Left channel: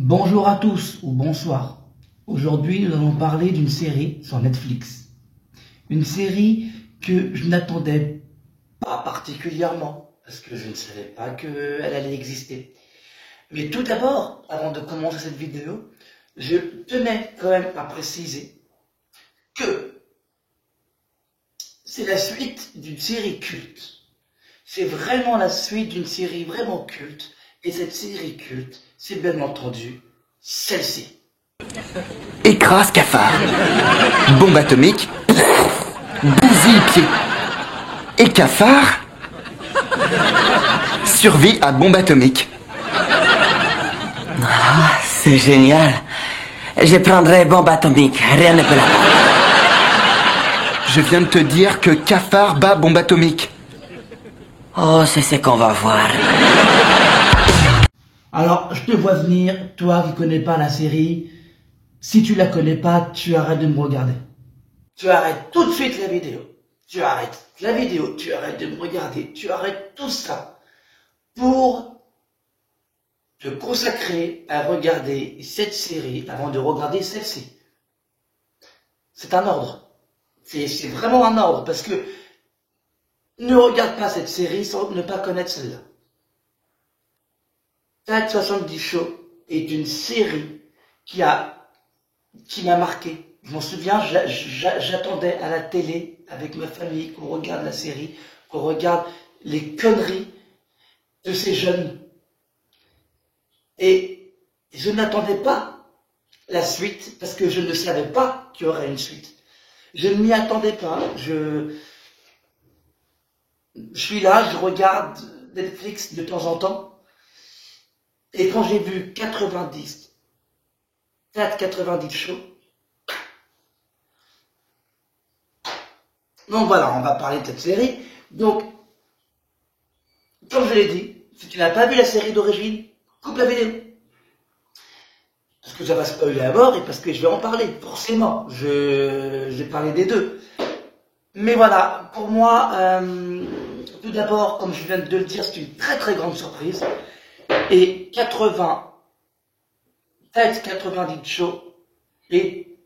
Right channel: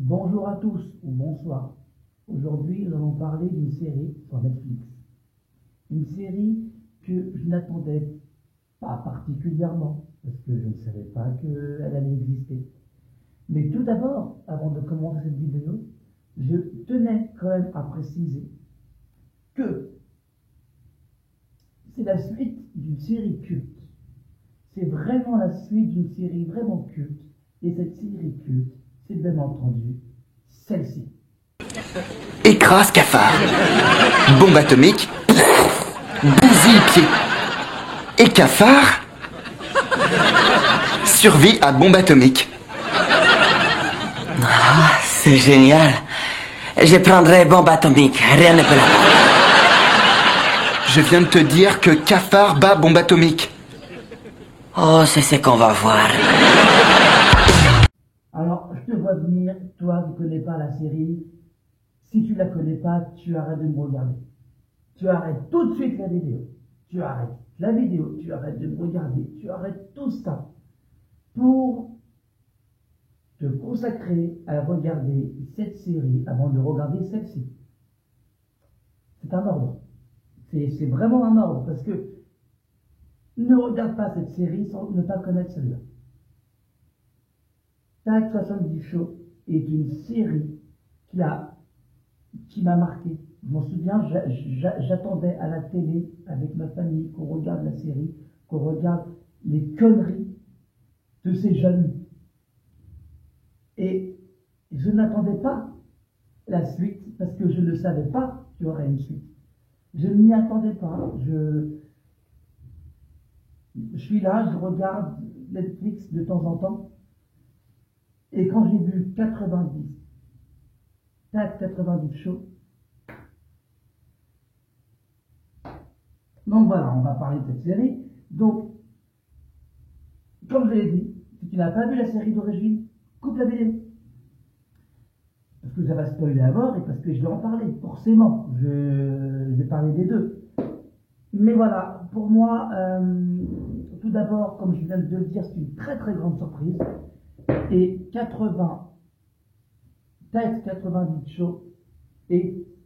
Bonjour à tous ou bonsoir. Aujourd'hui, nous allons parler d'une série sur Netflix. Une série que je n'attendais pas particulièrement parce que je ne savais pas qu'elle allait exister. Mais tout d'abord, avant de commencer cette vidéo, je tenais quand même à préciser que c'est la suite d'une série culte. C'est vraiment la suite d'une série vraiment culte. Et cette série culte, c'est bien entendu celle-ci. Écrase cafard. Bombe atomique. Bousille pied. Et cafard. Survie à bombe atomique. Ah, c'est génial. Je prendrai bombe atomique. Rien ne peut la battre. Je viens de te dire que cafard bat bombe atomique. Oh, c'est ce qu'on va voir. Alors, je te vois venir, toi qui connais pas la série. Si tu la connais pas, tu arrêtes de me regarder. Tu arrêtes tout de suite la vidéo. Tu arrêtes la vidéo, tu arrêtes de me regarder. Tu arrêtes tout ça pour te consacrer à regarder cette série avant de regarder celle-ci. C'est un ordre. C'est vraiment un ordre parce que ne regarde pas cette série sans ne pas connaître celle-là. Planet 70 Show est une série qui m'a marqué. Je m'en souviens, j'attendais à la télé avec ma famille qu'on regarde la série, qu'on regarde les conneries de ces jeunes. Et je n'attendais pas la suite parce que je ne savais pas qu'il y aurait une suite. Je ne m'y attendais pas. Je suis là, je regarde Netflix de temps en temps. Et quand j'ai vu 90 shows, donc voilà, on va parler de cette série. Donc, comme je l'ai dit, si tu n'as pas vu la série d'origine, coupe la vidéo. Parce que ça va spoiler à mort et parce que je vais en parler, forcément. Je vais parler des deux. Mais voilà, pour moi, tout d'abord, comme je viens de le dire, c'est une très très grande surprise. Et 90 shows, et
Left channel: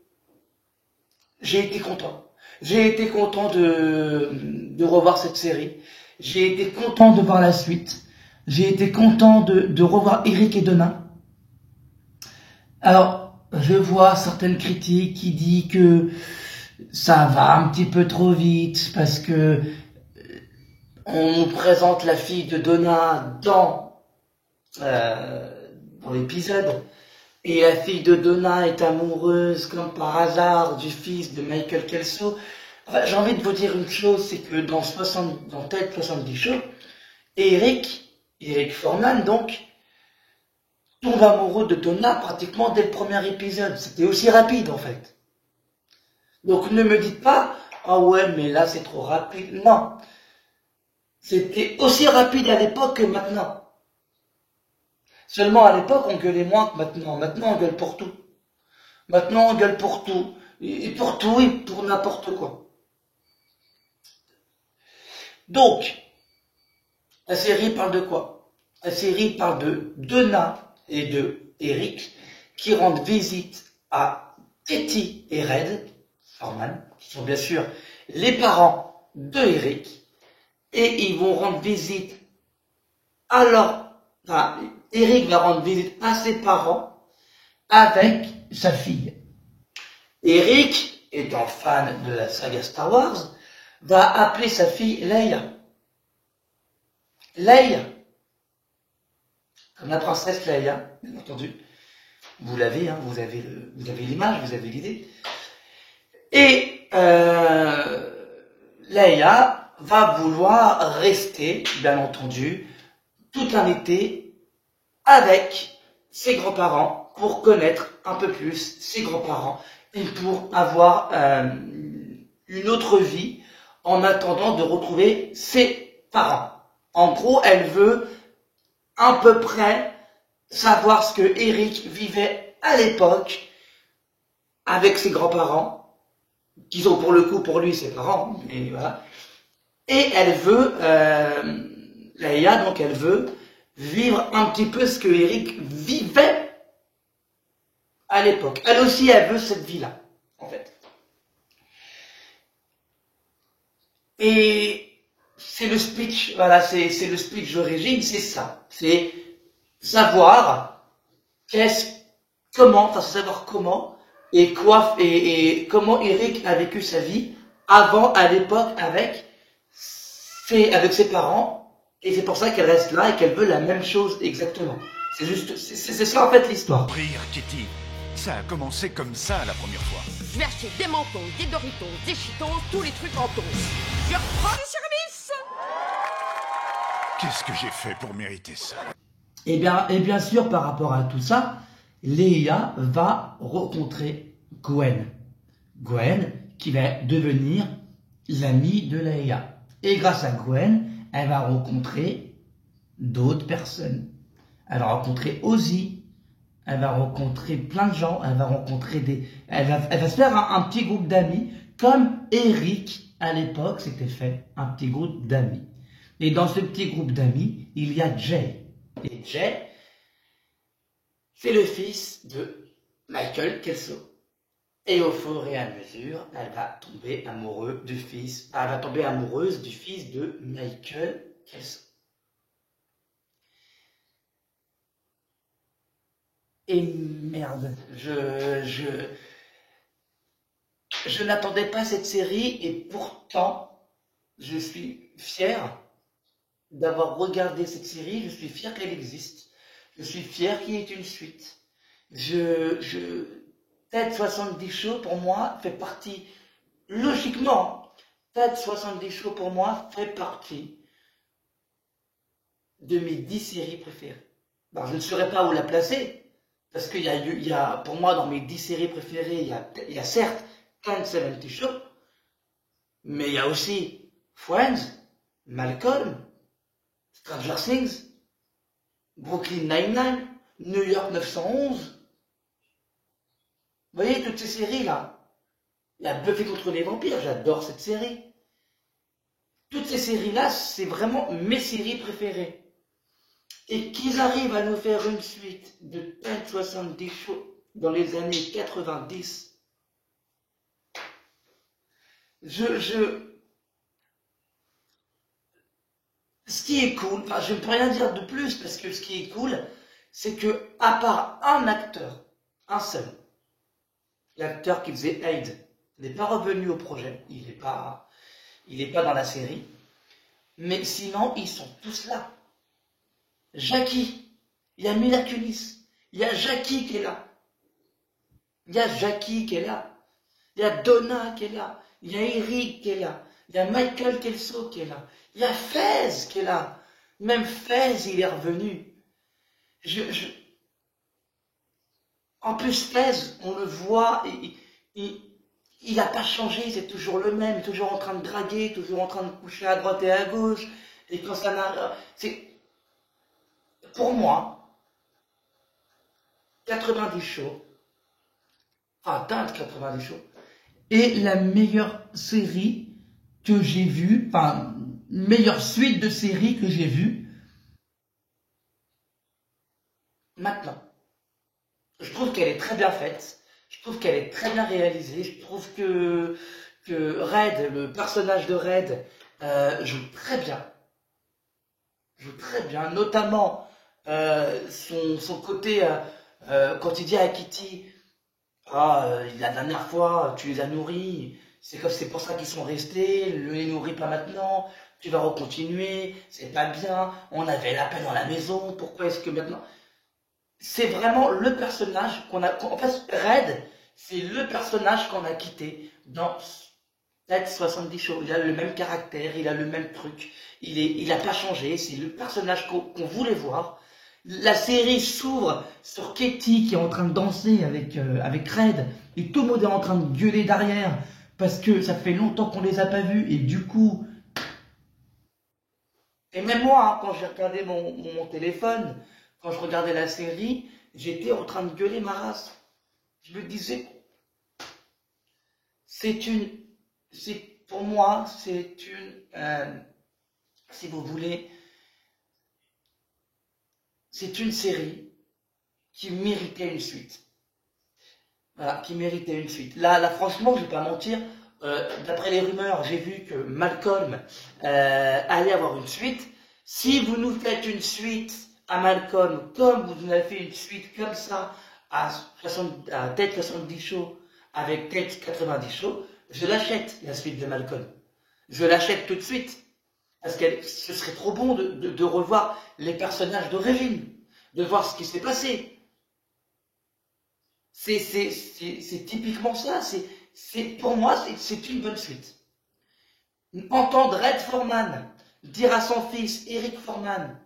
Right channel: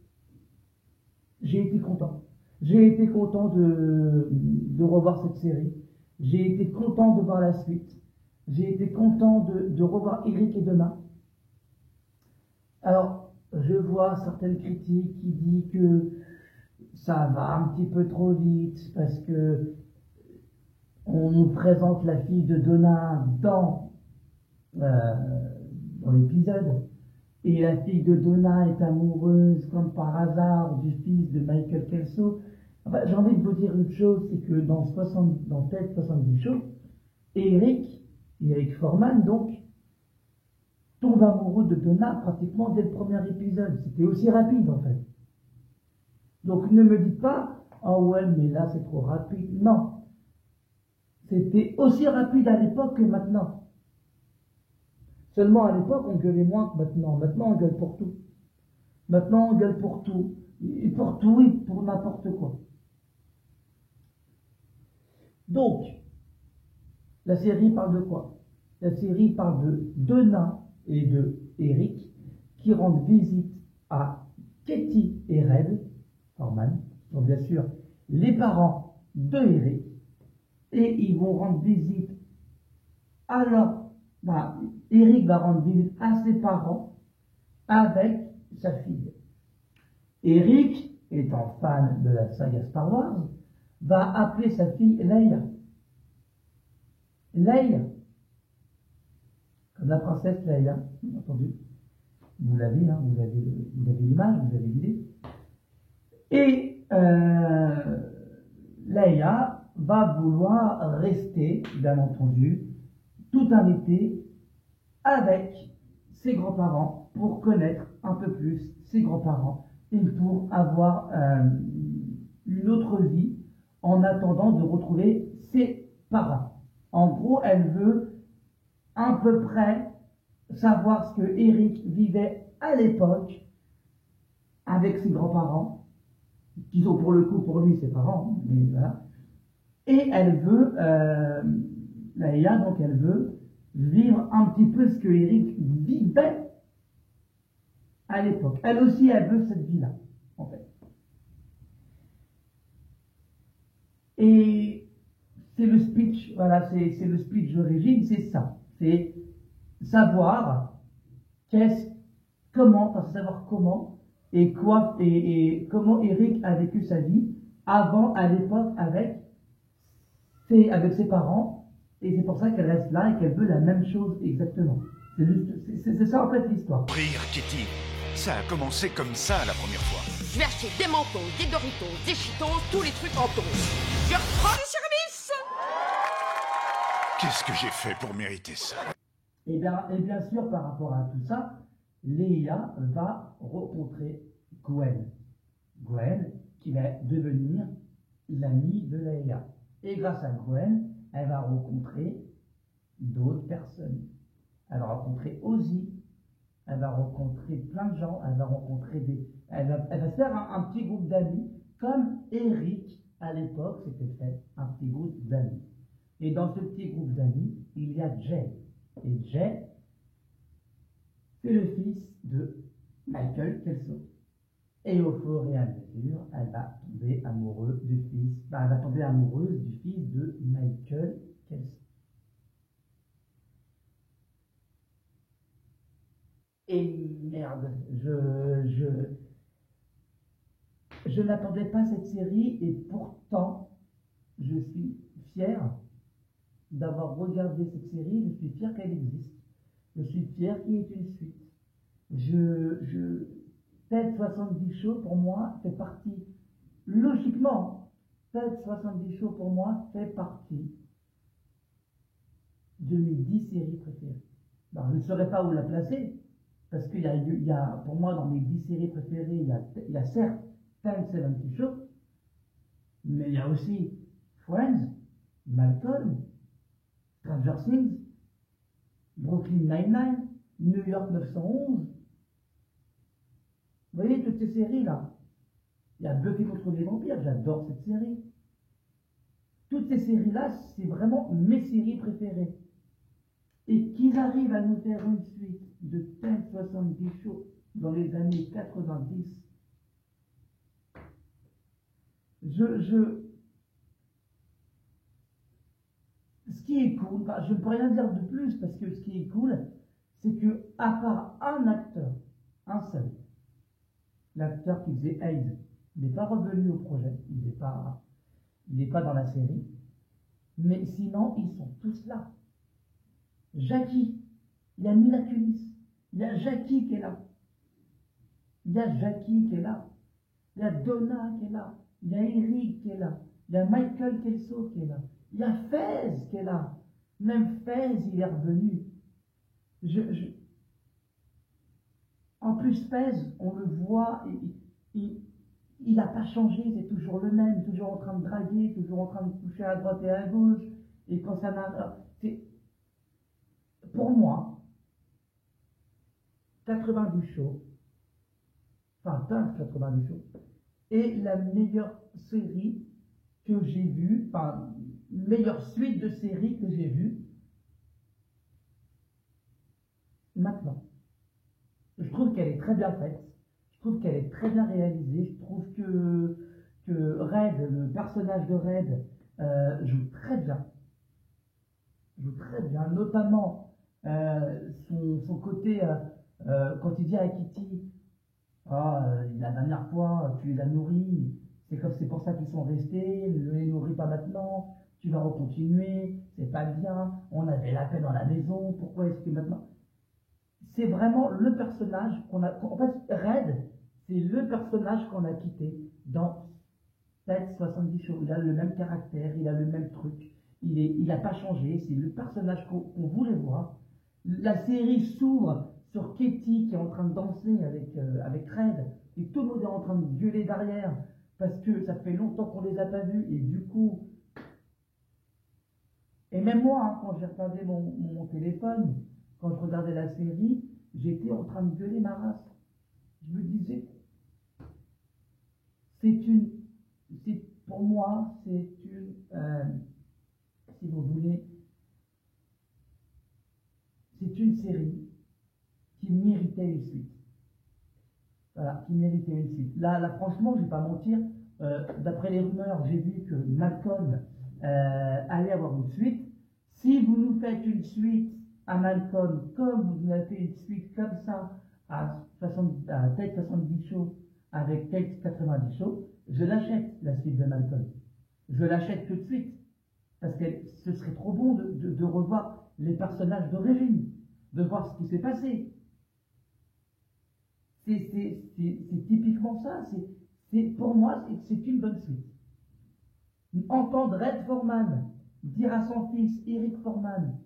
j'ai été content. J'ai été content de revoir cette série. J'ai été content de voir la suite. J'ai été content de revoir Eric et Donna. Alors, je vois certaines critiques qui disent que ça va un petit peu trop vite parce que on nous présente la fille de Donna dans l'épisode, et la fille de Donna est amoureuse comme par hasard du fils de Michael Kelso. Enfin, j'ai envie de vous dire une chose, c'est que dans Tête 70 Show, Eric Foreman donc tombe amoureux de Donna pratiquement dès le premier épisode. C'était aussi rapide en fait. Donc ne me dites pas ah ouais mais là c'est trop rapide. Non, c'était aussi rapide à l'époque que maintenant. Seulement à l'époque, on gueulait moins que maintenant. Maintenant, on gueule pour tout. Maintenant, on gueule pour tout. Et pour tout et pour n'importe quoi. Donc, la série parle de quoi? La série parle de Donna et de Eric qui rendent visite à Teddy et Red Foreman, qui sont bien sûr les parents de Eric. Et ils vont rendre visite à Eric va rendre visite à ses parents avec sa fille. Eric, étant fan de la saga Star Wars, va appeler sa fille Leia. Leia, comme la princesse Leia, bien entendu. Vous l'avez, hein, vous avez l'image, vous avez l'idée. Et Leia va vouloir rester, bien entendu, tout un été avec ses grands-parents pour connaître un peu plus ses grands-parents et pour avoir une autre vie en attendant de retrouver ses parents. En gros, elle veut à peu près savoir ce que Eric vivait à l'époque avec ses grands-parents, qui sont pour le coup pour lui ses parents, mais voilà. Et elle veut, Leia, donc elle veut vivre un petit peu ce que Eric vivait à l'époque. Elle aussi, elle veut cette vie-là, en fait. Et c'est le speech, voilà, c'est le speech d'origine, c'est ça. C'est savoir enfin, savoir comment et quoi, et comment Eric a vécu sa vie avant, à l'époque, avec ses parents. Et c'est pour ça qu'elle reste là et qu'elle veut la même chose exactement. C'est juste, c'est ça en fait l'histoire. Rire, Kitty. Ça a commencé comme ça la première fois. Je vais acheter des Mentos, des Doritos, des Cheetos, tous les trucs en toast. Je reprends le service. Qu'est-ce que j'ai fait pour mériter ça? Et bien sûr, par rapport à tout ça, Léa va rencontrer Gwen. Gwen qui va devenir l'amie de Léa. Et grâce à Gwen, elle va rencontrer d'autres personnes. Elle va rencontrer Ozzy. Elle va rencontrer plein de gens. Elle va rencontrer elle va se faire un petit groupe d'amis, comme Eric à l'époque s'était fait un petit groupe d'amis. Et dans ce petit groupe d'amis, il y a Jay. Et Jay, c'est le fils de Michael Kelso. Et au fur et à mesure, elle va tomber amoureuse du fils de Michael Kelso. Et merde, je n'attendais pas cette série et pourtant, je suis fier d'avoir regardé cette série, je suis fier qu'elle existe, je suis fier qu'il y ait une suite. Ted 70 Show pour moi fait partie, logiquement, Ted 70 Show pour moi fait partie de mes 10 séries préférées. Alors, je ne saurais pas où la placer, parce qu'il y a, pour moi, dans mes 10 séries préférées, il y a certes Ted 70 Show, mais il y a aussi Friends, Malcolm, Stranger Things, Brooklyn Nine-Nine, New York 911. Vous voyez toutes ces séries-là. Il y a Buffy contre les vampires, j'adore cette série. Toutes ces séries-là, c'est vraiment mes séries préférées. Et qu'ils arrivent à nous faire une suite de Ted 70 Show dans les années 90. Ce qui est cool, enfin, je ne peux rien dire de plus parce que ce qui est cool, c'est que à part un acteur, un seul, l'acteur qui faisait Aid n'est pas revenu au projet, il n'est pas dans la série, mais sinon ils sont tous là. Jackie, il y a Mila Kunis, il y a Jackie qui est là, il y a Jackie qui est là, il y a Donna qui est là, il y a Eric qui est là, il y a Michael Kelso qui est là, il y a Fez qui est là, même Fez il est revenu. En plus, Fez, on le voit, il n'a pas changé, c'est toujours le même, toujours en train de draguer, toujours en train de coucher à droite et à gauche. Et quand ça n'a. Pour moi, 90 Show, enfin, Teinte 90 Show, est la meilleure série que j'ai vue, enfin, meilleure suite de séries que j'ai vue maintenant. Je trouve qu'elle est très bien faite, je trouve qu'elle est très bien réalisée, je trouve que Red, le personnage de Red, joue très bien. Notamment son côté, quand il dit à Kitty, la dernière fois, tu les as nourris, c'est pour ça qu'ils sont restés, ne les nourris pas maintenant, tu vas recontinuer, c'est pas bien, on avait la paix dans la maison, pourquoi est-ce que maintenant... C'est vraiment le personnage qu'on a... En fait, Red, c'est le personnage qu'on a quitté dans Ted 70 Show. Il a le même caractère, il a le même truc, il n'a pas changé, c'est le personnage qu'on voulait voir. La série s'ouvre sur Katie qui est en train de danser avec Red, et tout le monde est en train de gueuler derrière, parce que ça fait longtemps qu'on les a pas vus, et du coup... Et même moi, hein, quand j'ai regardé mon téléphone, quand je regardais la série, j'étais en train de gueuler ma race. Je me disais, pour moi, si vous voulez, c'est une série qui méritait une suite. voilà, qui méritait une suite. Là, franchement, je vais pas mentir, d'après les rumeurs, j'ai vu que Malcolm allait avoir une suite. Si vous nous faites une suite à Malcolm, comme vous nous avez fait une suite comme ça, à Ted 70 Show, avec Ted 90 Show, je l'achète, la suite de Malcolm. Je l'achète tout de suite. Parce que ce serait trop bon de revoir les personnages d'origine, de voir ce qui s'est passé. C'est typiquement ça. Pour moi, c'est une bonne suite. Entendre Red Foreman dire à son fils, Eric Foreman,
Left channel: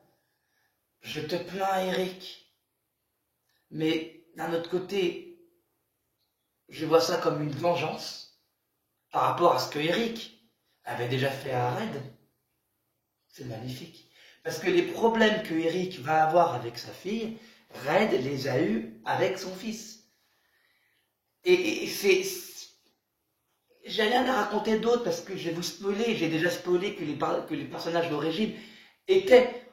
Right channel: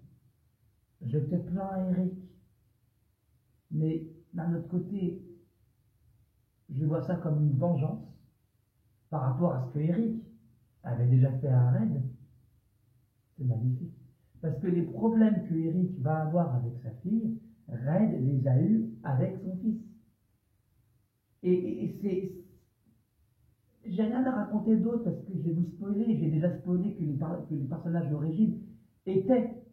je te plains, Eric. Mais d'un autre côté, je vois ça comme une vengeance par rapport à ce que Eric avait déjà fait à Red. C'est magnifique. Parce que les problèmes que Eric va avoir avec sa fille, Red les a eus avec son fils. Et j'ai rien à raconter d'autre parce que je vais vous spoiler. J'ai déjà spoilé que les personnages d'origine étaient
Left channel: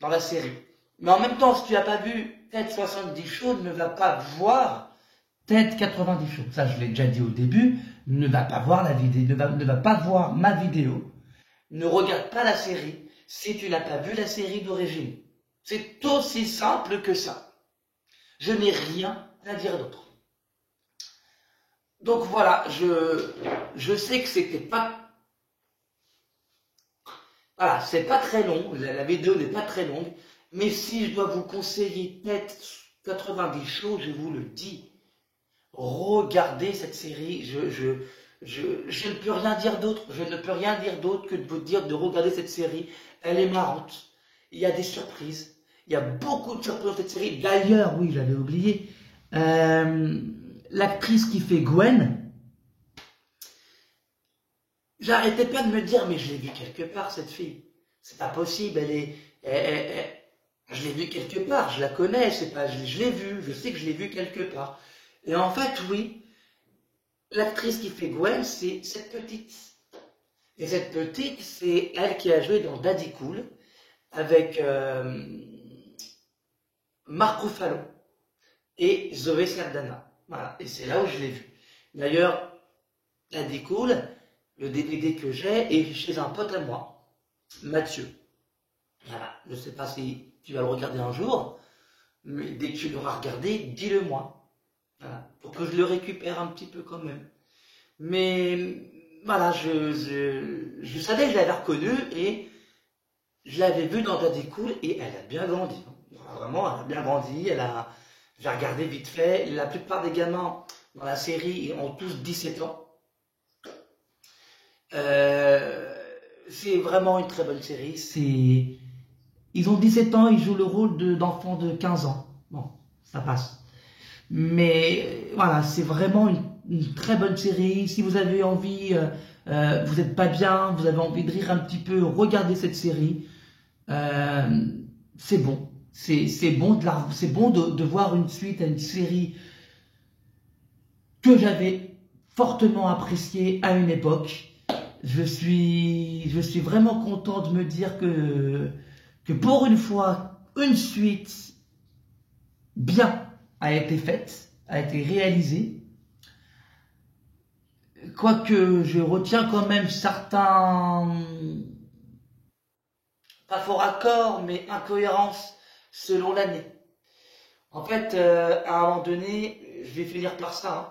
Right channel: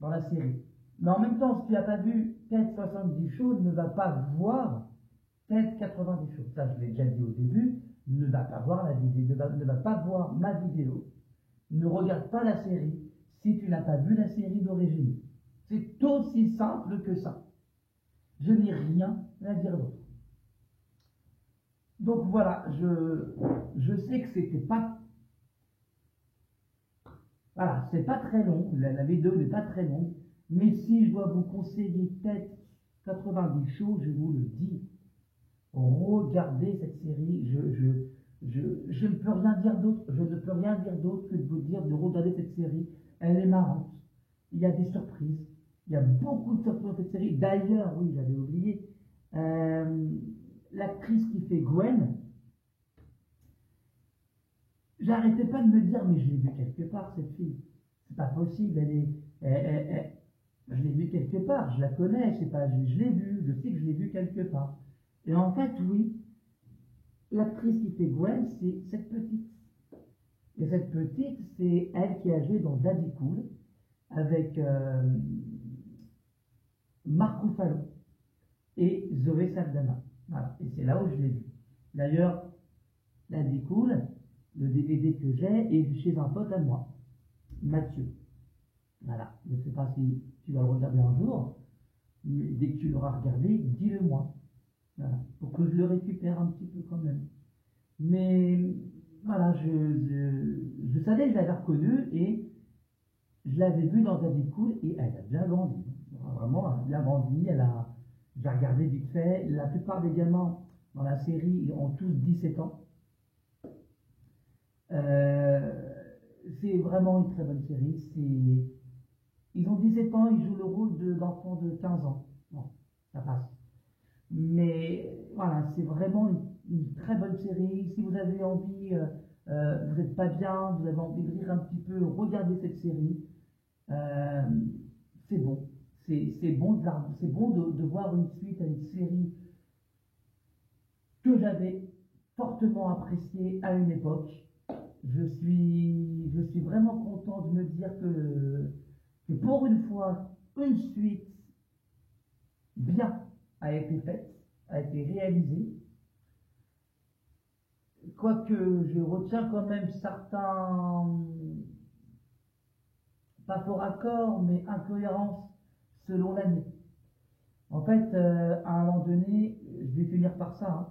dans la série. Mais en même temps, si tu n'as pas vu Ted 70 Show, ne va pas voir Ted 90 Show. Ça, je l'ai déjà dit au début. Ne va pas voir la vidéo, ne va pas voir ma vidéo. Ne regarde pas la série si tu n'as pas vu la série d'origine. C'est aussi simple que ça. Je n'ai rien à dire d'autre. Donc voilà, je sais que c'était pas... Voilà, c'est pas très long, la vidéo n'est pas très longue, mais si je dois vous conseiller peut-être 90 Show, je vous le dis, regardez cette série, je ne peux rien dire d'autre, je ne peux rien dire d'autre que de vous dire de regarder cette série, elle est marrante, il y a des surprises, il y a beaucoup de surprises dans cette série, d'ailleurs, oui, j'avais oublié, l'actrice qui fait Gwen, j'arrêtais pas de me dire, mais je l'ai vue quelque part, cette fille. C'est pas possible, je l'ai vue quelque part, je la connais, c'est pas, je l'ai vue, je sais que je l'ai vue quelque part. Et en fait, oui, l'actrice qui fait Gwen, c'est cette petite. Et cette petite, c'est elle qui a joué dans Daddy Cool, avec Mark Ruffalo et Zoé Saldana. Voilà, et c'est là où je l'ai vu. D'ailleurs, Daddy Cool, le DVD que j'ai est chez un pote à moi, Mathieu. Voilà, je ne sais pas si tu vas le regarder un jour, mais dès que tu l'auras regardé, dis-le moi. Voilà, pour que je le récupère un petit peu quand même. Mais voilà, je savais que je l'avais reconnue et je l'avais vue dans Daddy Cool et elle a bien grandi. Vraiment, elle a bien grandi, j'ai regardé vite fait, la plupart des gamins dans la série ont tous 17 ans. C'est vraiment une très bonne série. Ils ont 17 ans, ils jouent le rôle d'enfants de 15 ans. Bon, ça passe. Mais voilà, c'est vraiment une très bonne série. Si vous avez envie, vous n'êtes pas bien, vous avez envie de rire un petit peu, regardez cette série. C'est bon. C'est bon de voir une suite à une série que j'avais fortement appréciée à une époque. Je suis vraiment content de me dire que pour une fois, une suite bien a été faite, a été réalisée. Quoique je retiens quand même certains, pas faux raccords, mais incohérences selon l'année. En fait, à un moment donné, je vais finir par ça, hein,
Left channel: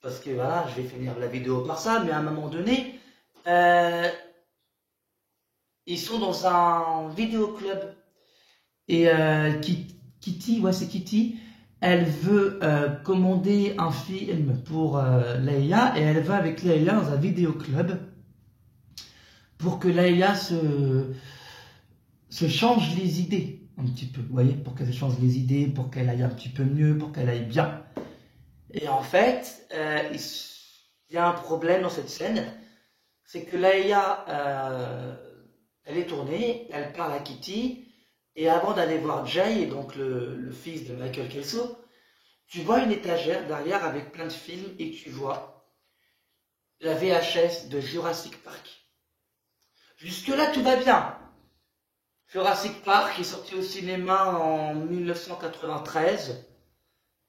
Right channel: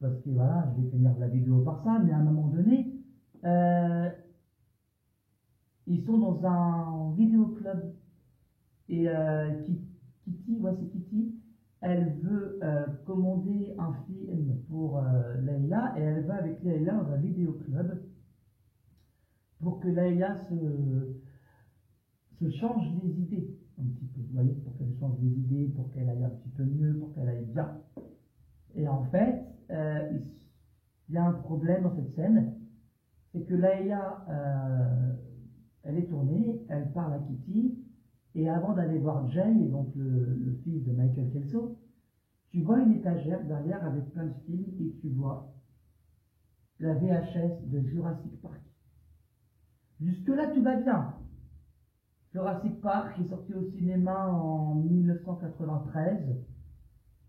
parce que voilà, je vais finir la vidéo par ça, mais à un moment donné, ils sont dans un vidéoclub et Kitty, ouais c'est Kitty, elle veut commander un film pour Leïla et elle va avec Leïla dans un vidéoclub pour que Leïla se change les idées un petit peu, vous voyez, pour qu'elle se change les idées, pour qu'elle aille un petit peu mieux, pour qu'elle aille bien. Et en fait, il y a un problème dans cette scène, c'est que Leïla, elle est tournée, elle parle à Kitty, et avant d'aller voir Jay, donc le fils de Michael Kelso, tu vois une étagère derrière avec plein de films, et tu vois la VHS de Jurassic Park. Jusque-là, tout va bien. Jurassic Park est sorti au cinéma en 1993.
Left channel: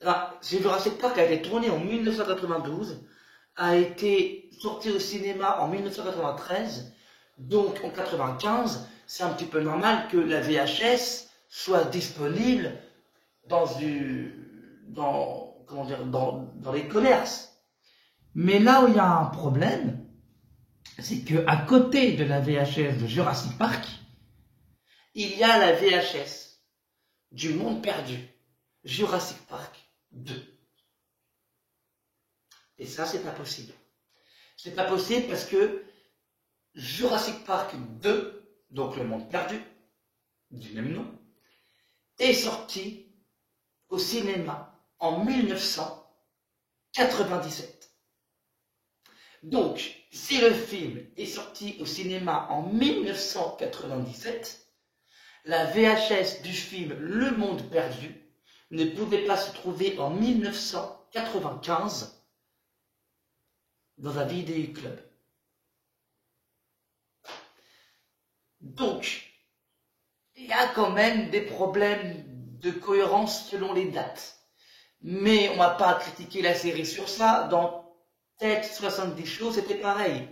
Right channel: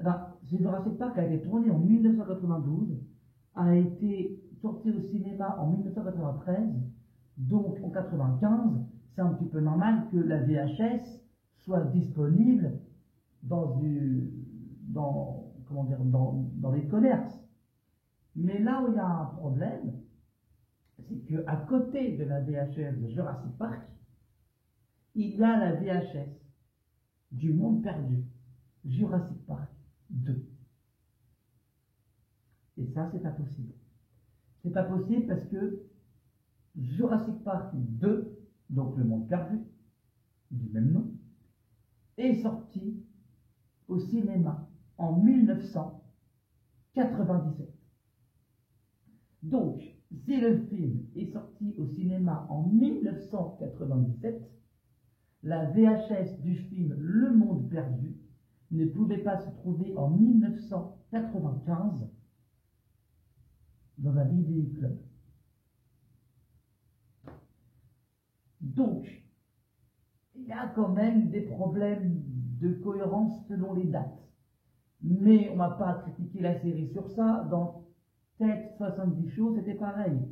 Alors, Jurassic Park a été tourné en 1992, a été sorti au cinéma en 1993, donc en 95, c'est un petit peu normal que la VHS soit disponible dans les commerces. Mais là où il y a un problème, c'est que à côté de la VHS de Jurassic Park, il y a la VHS du Monde Perdu, Jurassic Park 2. Et ça, c'est pas possible. C'est pas possible parce que Jurassic Park 2, donc le Monde Perdu, du même nom, est sorti au cinéma en 1997. Donc, si le film est sorti au cinéma en 1997, la VHS du film Le Monde Perdu ne pouvait pas se trouver en 1995 dans un vidéoclub. Donc, il y a quand même des problèmes de cohérence selon les dates. Mais on ne va pas critiquer la série sur ça. Dans Tête 70 Show, c'était pareil.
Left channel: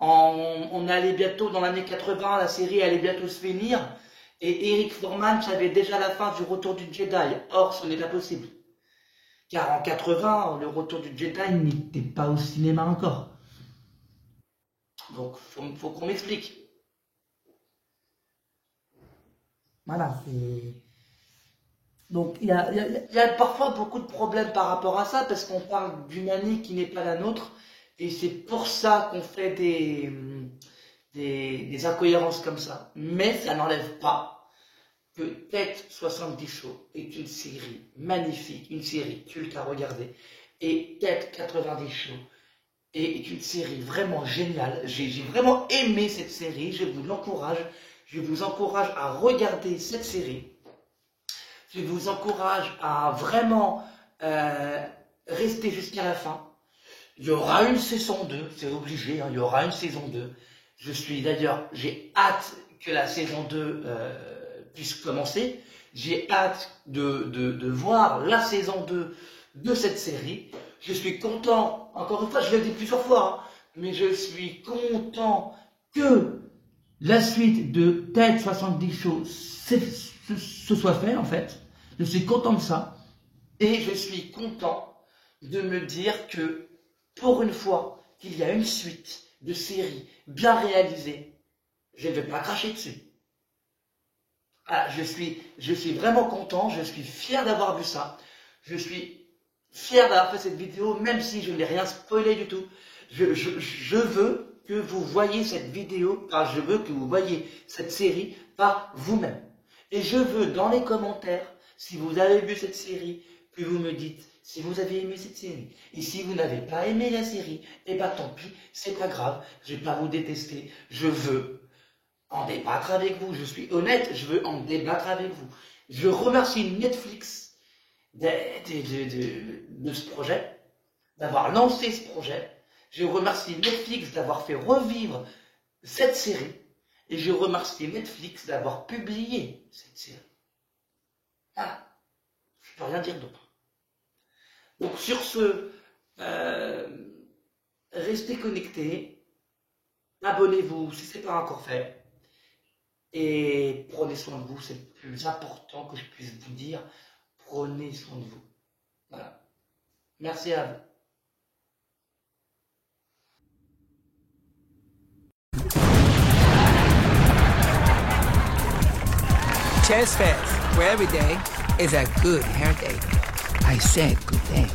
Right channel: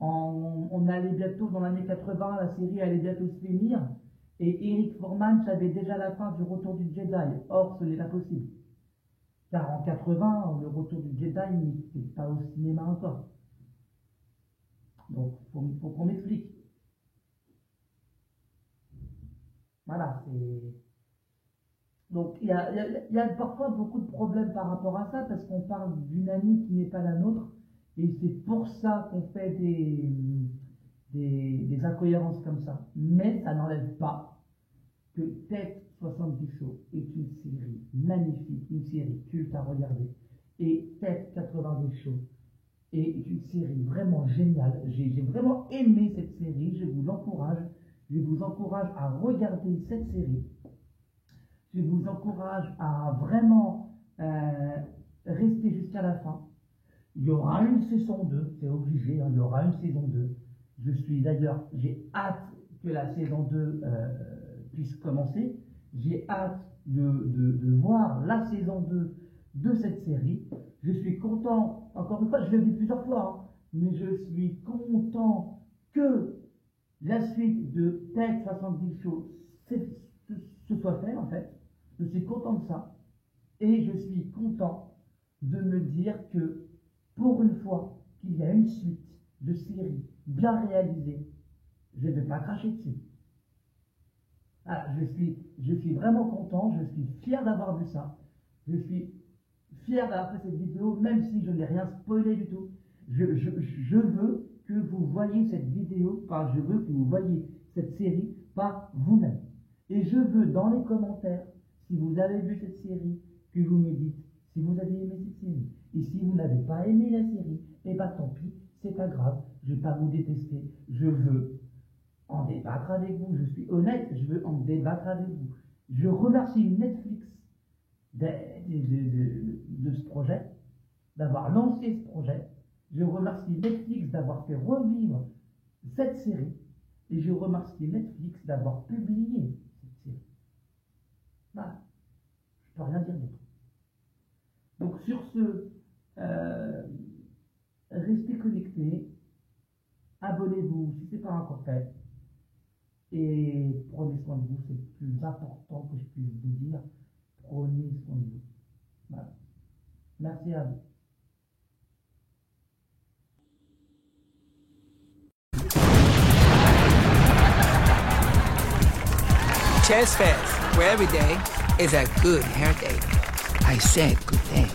On allait bientôt, dans l'année 80, la série allait bientôt se finir. Et Eric Foreman savait déjà la fin du Retour du Jedi. Or, ce n'est pas possible. Car en 80, le Retour du Jedi n'était pas au cinéma encore. Donc, faut qu'on m'explique. Voilà, donc il y a parfois beaucoup de problèmes par rapport à ça, parce qu'on parle d'une année qui n'est pas la nôtre, et c'est pour ça qu'on fait des incohérences comme ça. Mais ça n'enlève pas que Tête 70 Show est une série magnifique, une série culte à regarder, et Tête 90 Show est une série vraiment géniale. J'ai vraiment aimé cette série, je vous l'encourage. Je vous encourage à regarder cette série. Je vous encourage à vraiment rester jusqu'à la fin. Il y aura une saison 2, c'est obligé, hein, il y aura une saison 2. J'ai hâte que la saison 2 puisse commencer. J'ai hâte de voir la saison 2 de cette série. Je suis content, encore une fois, je l'ai dit plusieurs fois, hein, mais je suis content que la suite de Tête 70 Show se soit fait, en fait. Je suis content de ça. Et je suis content de me dire que, pour une fois, qu'il y a une suite de séries bien réalisée, je ne vais pas cracher dessus. Voilà, je suis vraiment content, je suis fier d'avoir vu ça. Je suis fier d'avoir fait cette vidéo, même si je n'ai rien spoilé du tout. Je veux que vous voyez cette vidéo, car je veux que vous voyez cette série par vous-même. Et je veux dans les commentaires, si vous avez vu cette série, que vous me dites si vous avez aimé cette série. Et si vous n'avez pas aimé la série, eh bien tant pis, c'est pas grave, je vais pas vous détester. Je veux en débattre avec vous, je suis honnête, je veux en débattre avec vous. Je remercie Netflix de ce projet, d'avoir lancé ce projet. Je remercie Netflix d'avoir fait revivre cette série. Et je remercie Netflix d'avoir publié cette série. Voilà. Je ne peux rien dire d'autre. Donc sur ce, restez connectés. Abonnez-vous si ce n'est pas encore fait. Et prenez soin de vous. C'est le plus important que je puisse vous dire. Prenez soin de vous. Voilà. Merci à vous. Chess Fest, where every day is a good hair day. I said good day.